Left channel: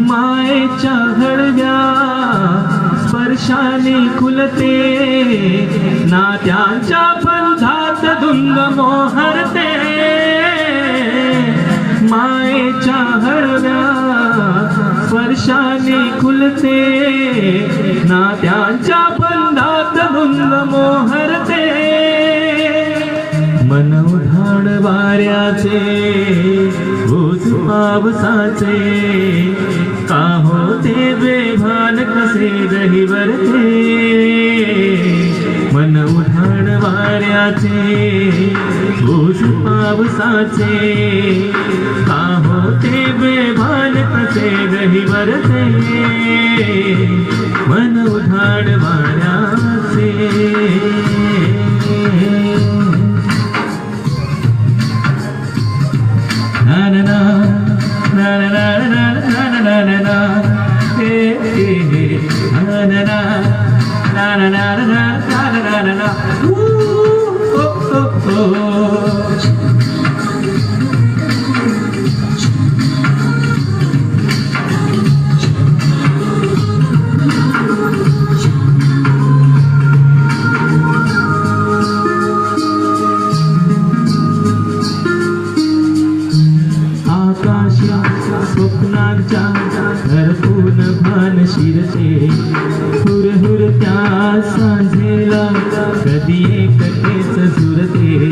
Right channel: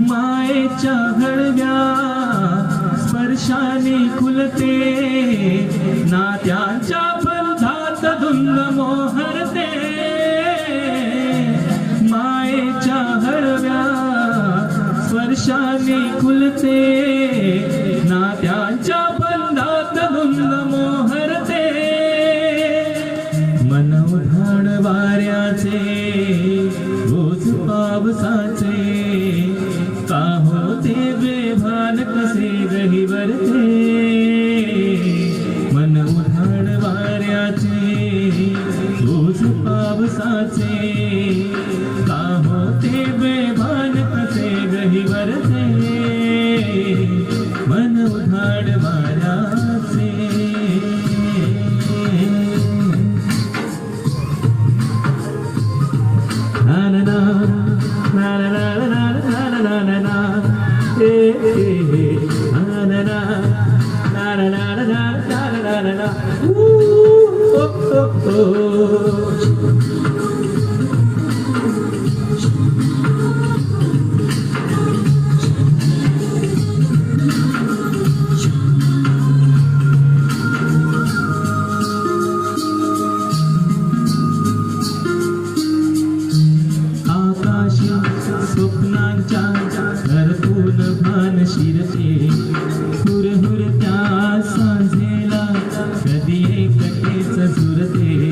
मायेच्या हळव्या स्पर्शाने खुलते, नात्यांच्या बंधात धुंद मोहरते. मायेच्या हळव्या स्पर्शाने खुलते, नात्यांच्या बंधात धुंद मोहरते. मन उधाण वाऱ्याचे ओझ पावसाचे, का होते बेभान कसे गहिवरते. मन उधाण वाऱ्याचे ओझ पावसाचे, का होते बेभान कसे गहिवरते. मन उधाण वाऱ्याचे. स्वप्नांच्या घरपून भान शिरते, हुरहुरत्या सांझेला कधी एकटेच झुरते.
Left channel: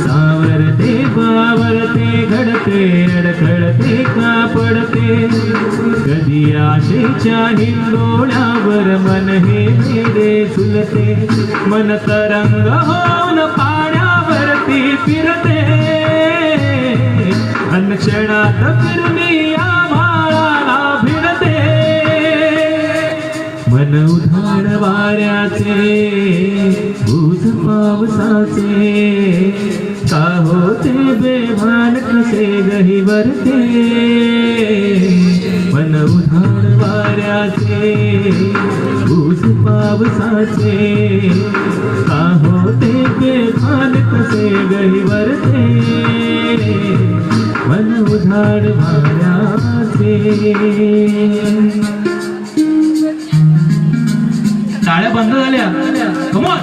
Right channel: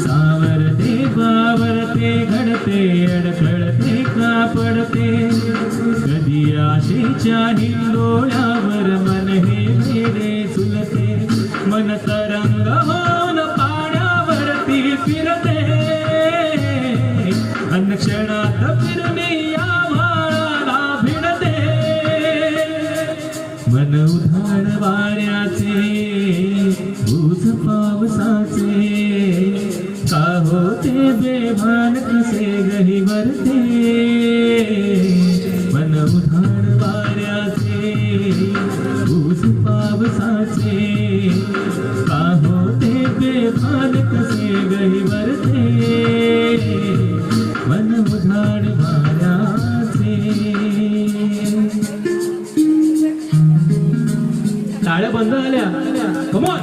सावरते बावरते घडते, अडखळते का पडते. कधी आशेच्या हिंडोळ्यावर मन हे वेडे झुलते. मन तरंग होऊन पाण्यावरती फिरते, क्षणात फिरणी आम्हाला भिडते. मन उधाण वाऱ्याचे ओझ पावसाचे, का होते बेभान कसे गहिवरते. मन उधाण वाऱ्याचे ओझ पावसाचे, का होते बेभान कसे गहिवरते. मन उधाण वाऱ्याचे. टाळ्या बंद झाल्या. Come on.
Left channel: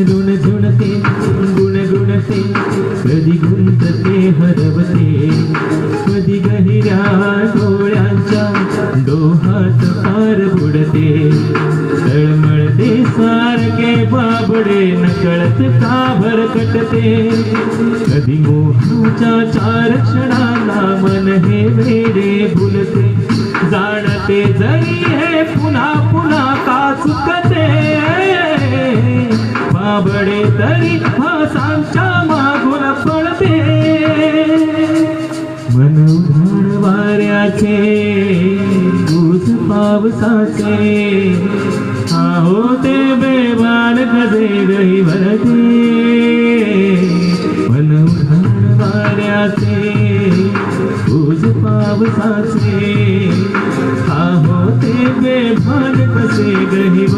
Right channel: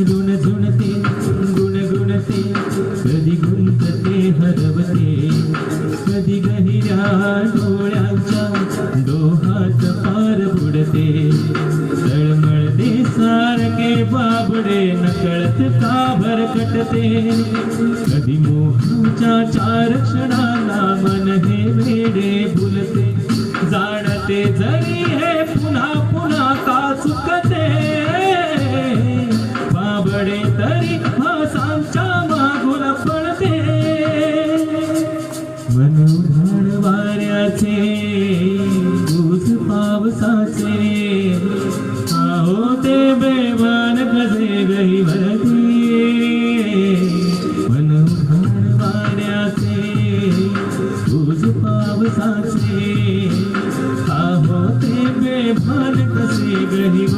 ऋण झुणते गुणगुणते, कधी गुंतते हरवते. कधी गहिऱ्या डोळ्यांच्या डोहात पार बुडते. तळमळते सारखे बाबडे, नकळत का भरकटते. कधी मोहाच्या चार क्षणाला मन हे वेडे भुलते. जाणते जरी हे पुन्हा पुन्हा का चुकते. बाबडे तरी भासांच्या मागून पडते. मन उधाण वाऱ्याचे ओझ पावसाचे, का होते बेभान कसे गहिवरते. मन उधाण वाऱ्याचे ओझ पावसाचे, का होते बेभान कसे गहिवरते.